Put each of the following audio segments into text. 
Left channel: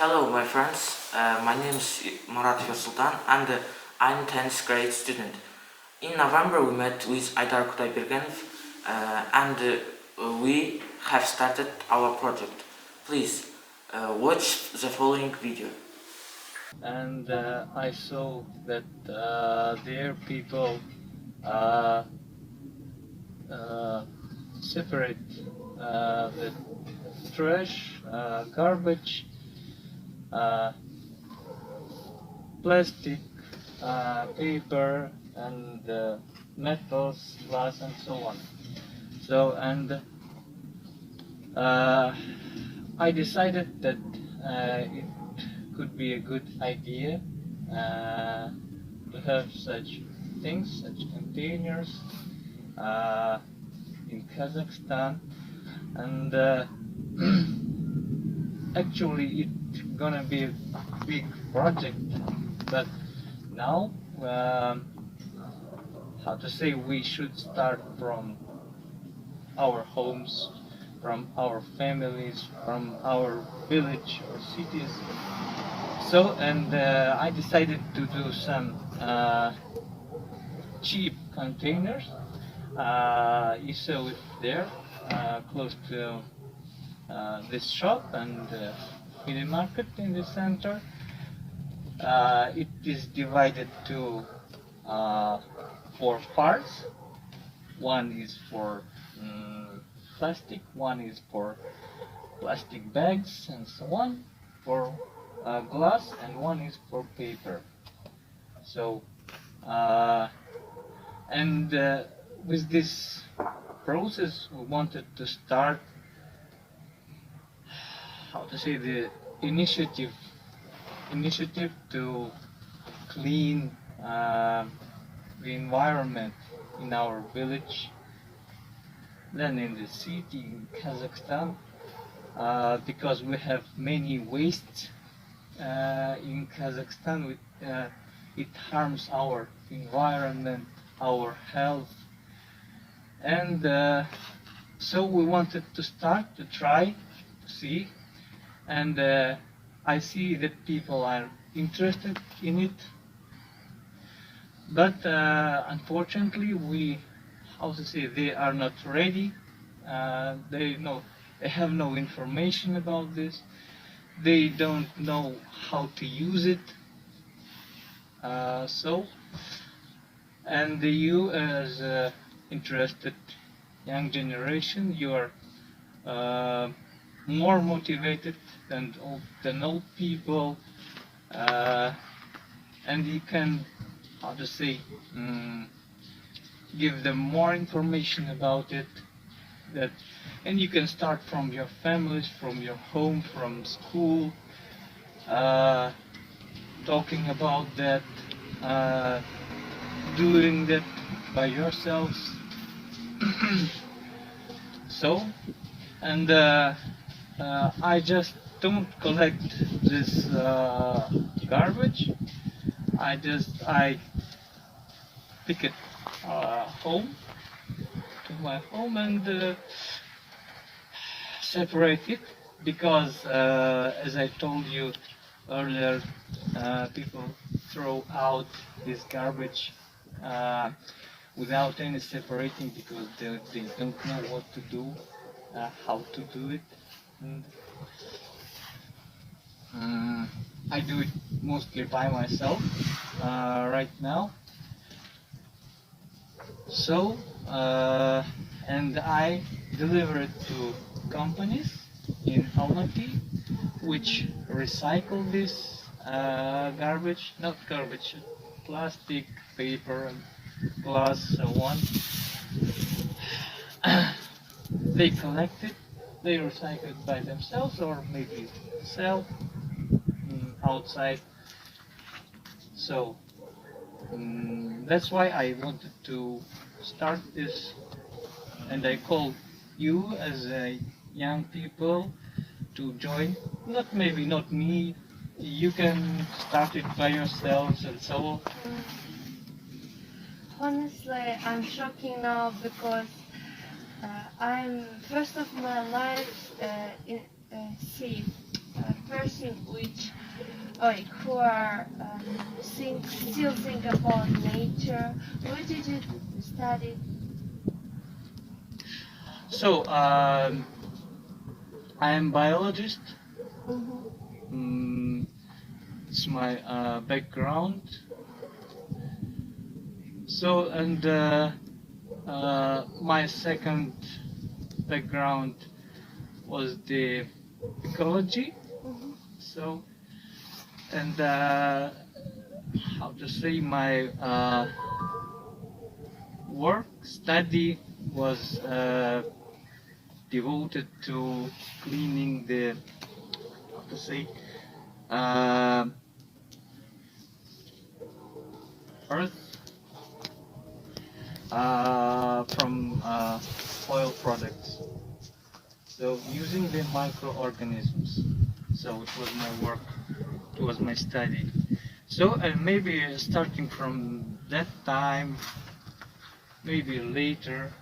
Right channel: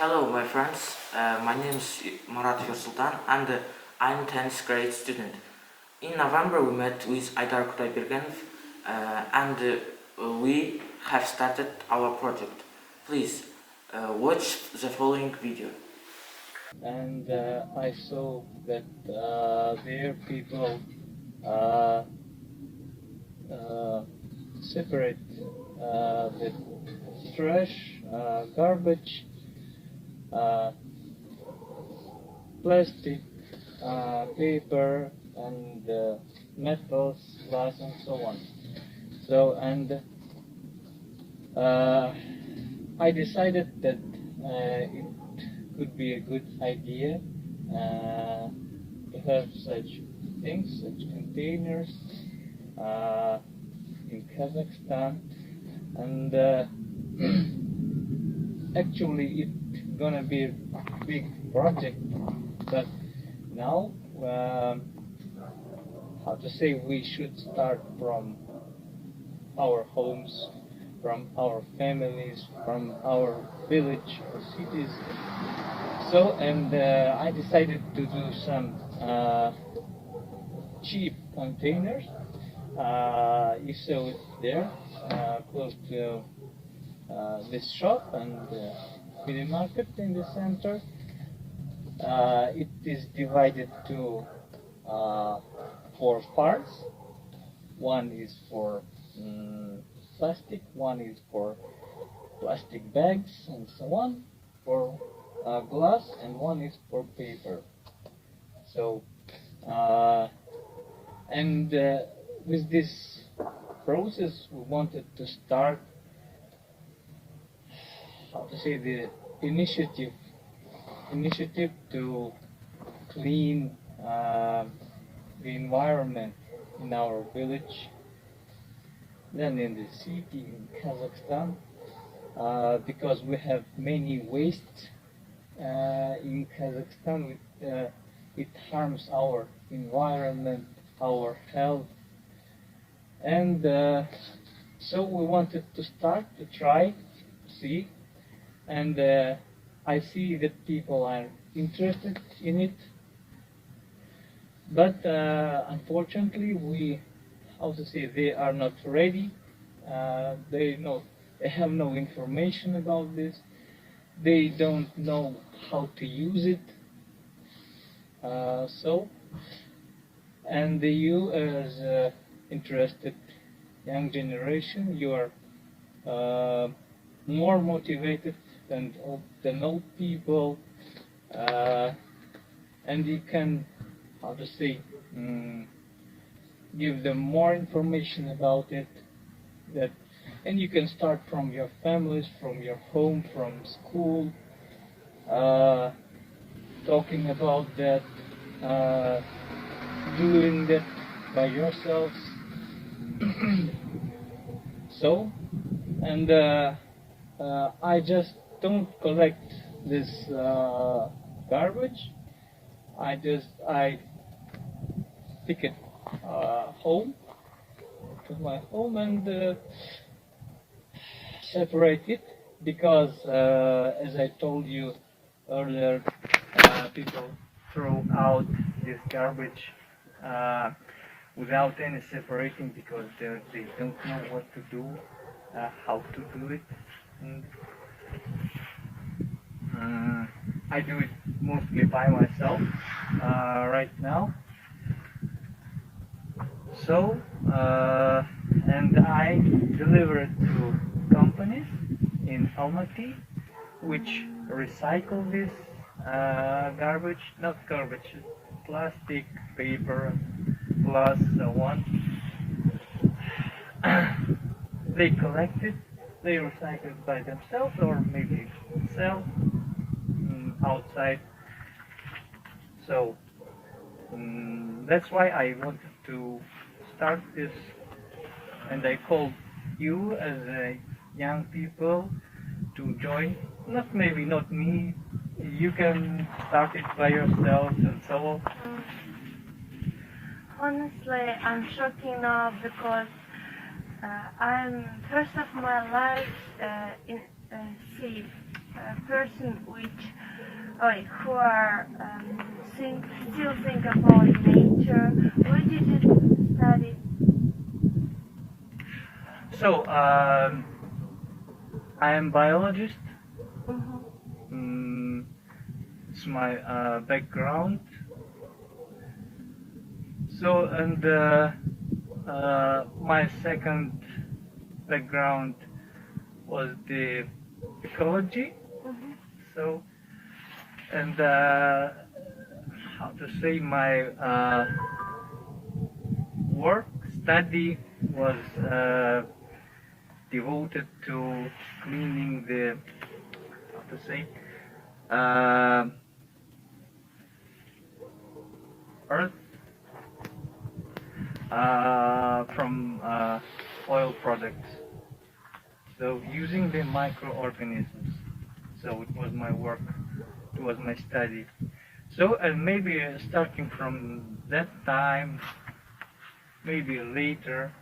Hello, my friends. My name is Murat Sultan, and I'm 10th grade student. In November, we met with Aidar Kudaibergenov, and we have started our project. Please watch the following video. And I saw that their people separate the trash, garbage, plastic, paper, and metals, glass, and so on. So, and I decided that it could be a good idea to have such things, such containers in Kazakhstan, and actually it's gonna be a big project, but now how to say, we should start from our homes, from our families, from our village or cities. So, and I decided to do some cheap containers. You saw it there, close to this shop and mini market in the center. It is divided to 4 parts. One is for plastic, one is for plastic bags and so on, for glass, and one is for paper. So, and with this process, we wanted to start, how to say, the initiative to clean the environment in our village, then in the city in Kazakhstan, because we have many wastes in Kazakhstan. It harms our environment, our health, and so we wanted to start to try to see, and I see that people are interested in it, but unfortunately they are not ready. They have no information about this. They don't know how to use it. And you, as interested young generation, you are more motivated than old people, and you can, how to say, give them more information about it. And you can start from your families, from your home, from school, talking about that, doing that by yourselves. So, and I just don't collect this garbage. I pick it home to my home and separate it, because as I told you earlier, people throw out this garbage without any separating, because they don't know what to do, how to do it. And, I do it mostly by myself right now. So, and I deliver it to companies in Almaty, which recycle this garbage, not garbage, plastic, paper, glass, so on. They collect it, they recycle it by themselves, or maybe sell outside. So that's why I wanted to start this, and I called you as young people to join. Maybe not me, you can start it by yourselves and so on. Honestly, I'm shocking now because I'm first of my life see person who are still think about nature. Where did you study? So, I am biologist. Mm-hmm. It's my background. So, and my second background was the ecology. Mm-hmm. So, and how to say, my study was devoted to cleaning the, how to say, earth from oil products. So using the microorganisms. So it was my work, it was my study. So and maybe starting from that time, maybe later,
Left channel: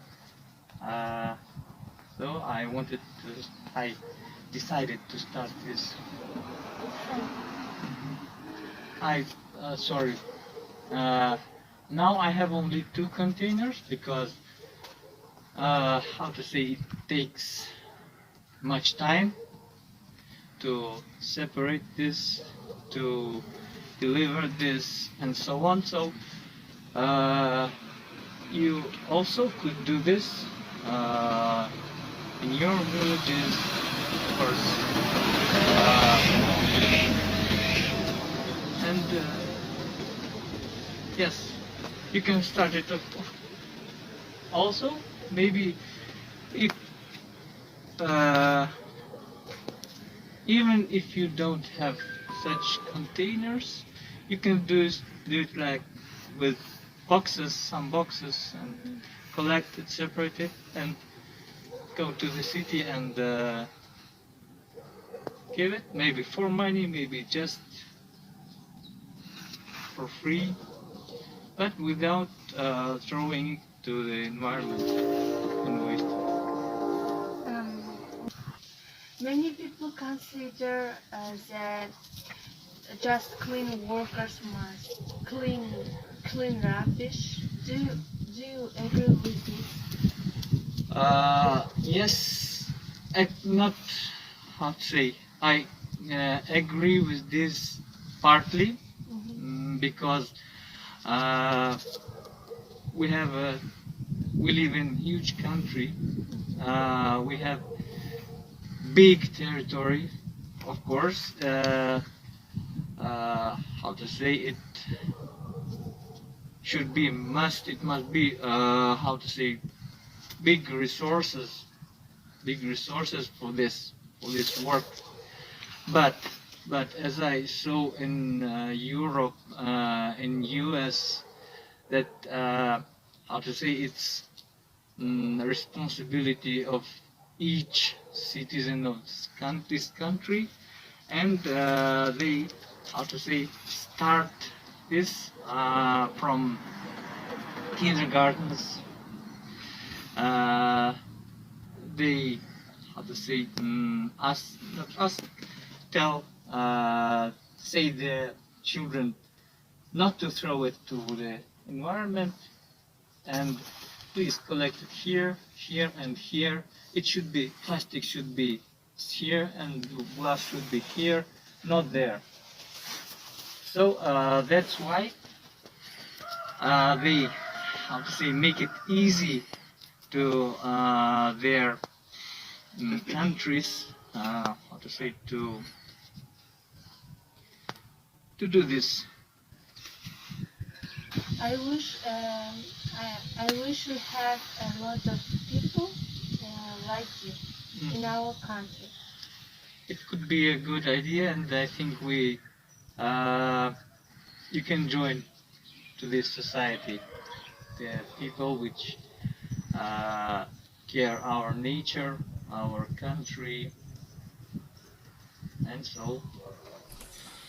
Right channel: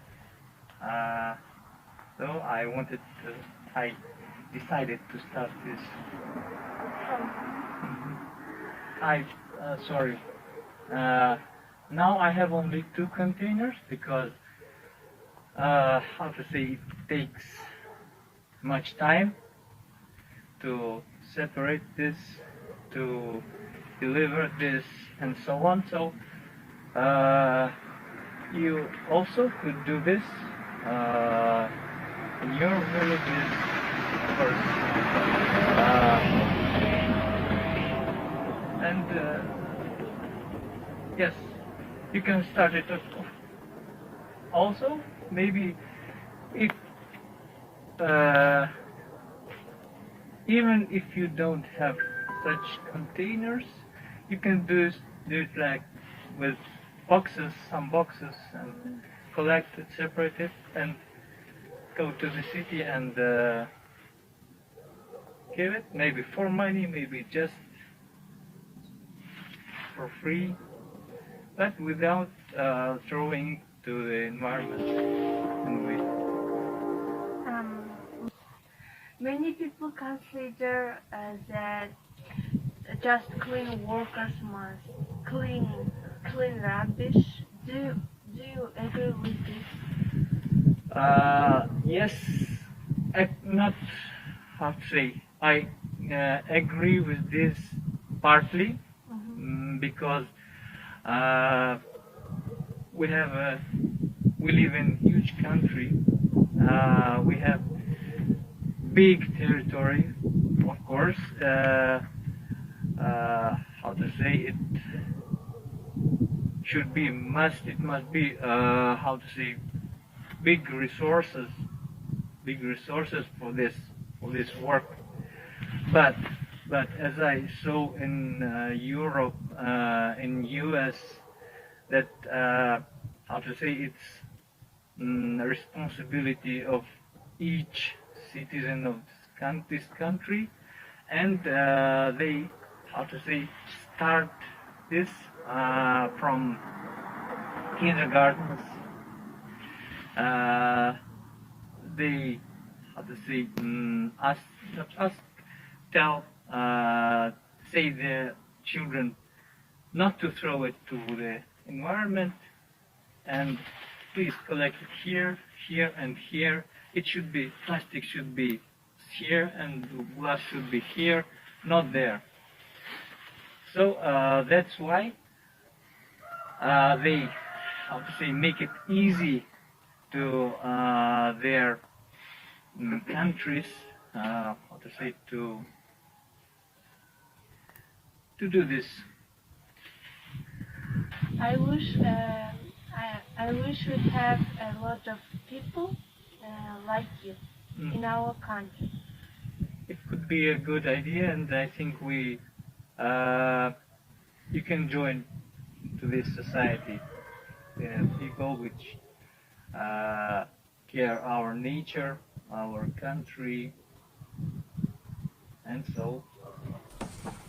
so I decided to start this. Sorry. Now I have only 2 containers because, how to say, it takes much time to separate this, to deliver this, and so on. So you also could do this in your villages, of course. And yes, you can start it up. Also, maybe if even if you don't have such containers, you can do it like with boxes, some boxes, and collect it, separate it, and go to the city and give it, maybe for money, maybe just for free, but without throwing it to the environment and waste. Many people consider that just clean workers must clean rubbish. Do you agree with this? Yes, not how to say. I agree with this partly. Because we live in huge country. We have big territory, of course. How to say it? It must be how to say, big resources for this work. But as I saw in Europe, in US, that how to say, it's responsibility of each citizen of this country, and they, how to say, start this from kindergartens. They, how to say, say the children not to throw it to the environment, and please collect it here, here, and here. Plastic should be here, and glass should be here, not there. So that's why they, how to say, make it easy to their countries, how to say, to do this. I wish we have a lot of people like you in our country. It could be a good idea, and I think you can join to this society. There are people which care our nature, our country, and so.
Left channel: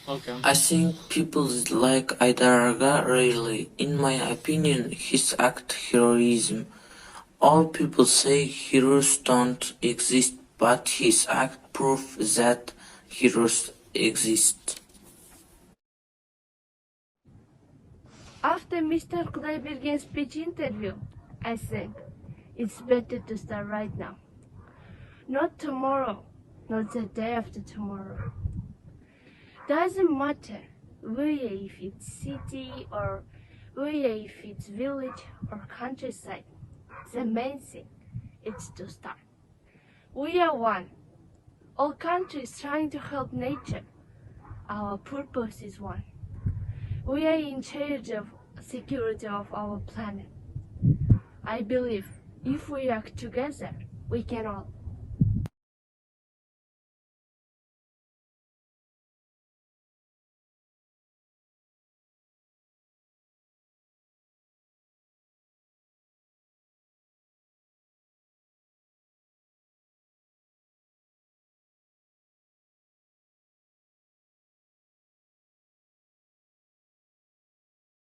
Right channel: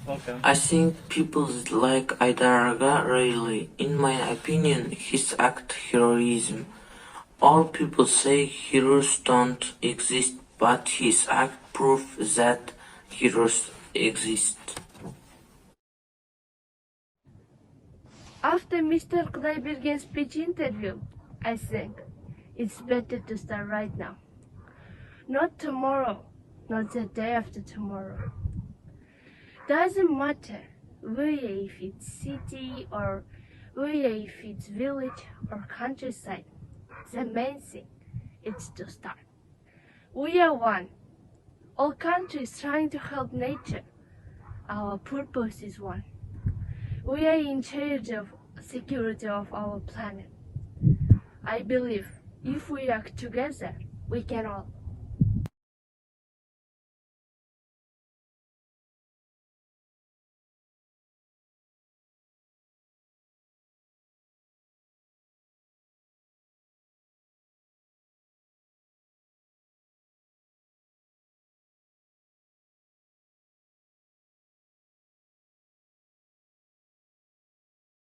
Welcome. I think people like Aidar really. In my opinion, his act heroism. All people say heroes don't exist, but his act proves that heroes exist. After Mr. Kudaibergen's speech interview, I think it's better to start right now. Not tomorrow, not the day after tomorrow. Doesn't matter whether if it's city or whether if it's village or countryside. The main thing is to start. We are one. All countries trying to help nature. Our purpose is one. We are in charge of security of our planet. I believe if we act together, we can all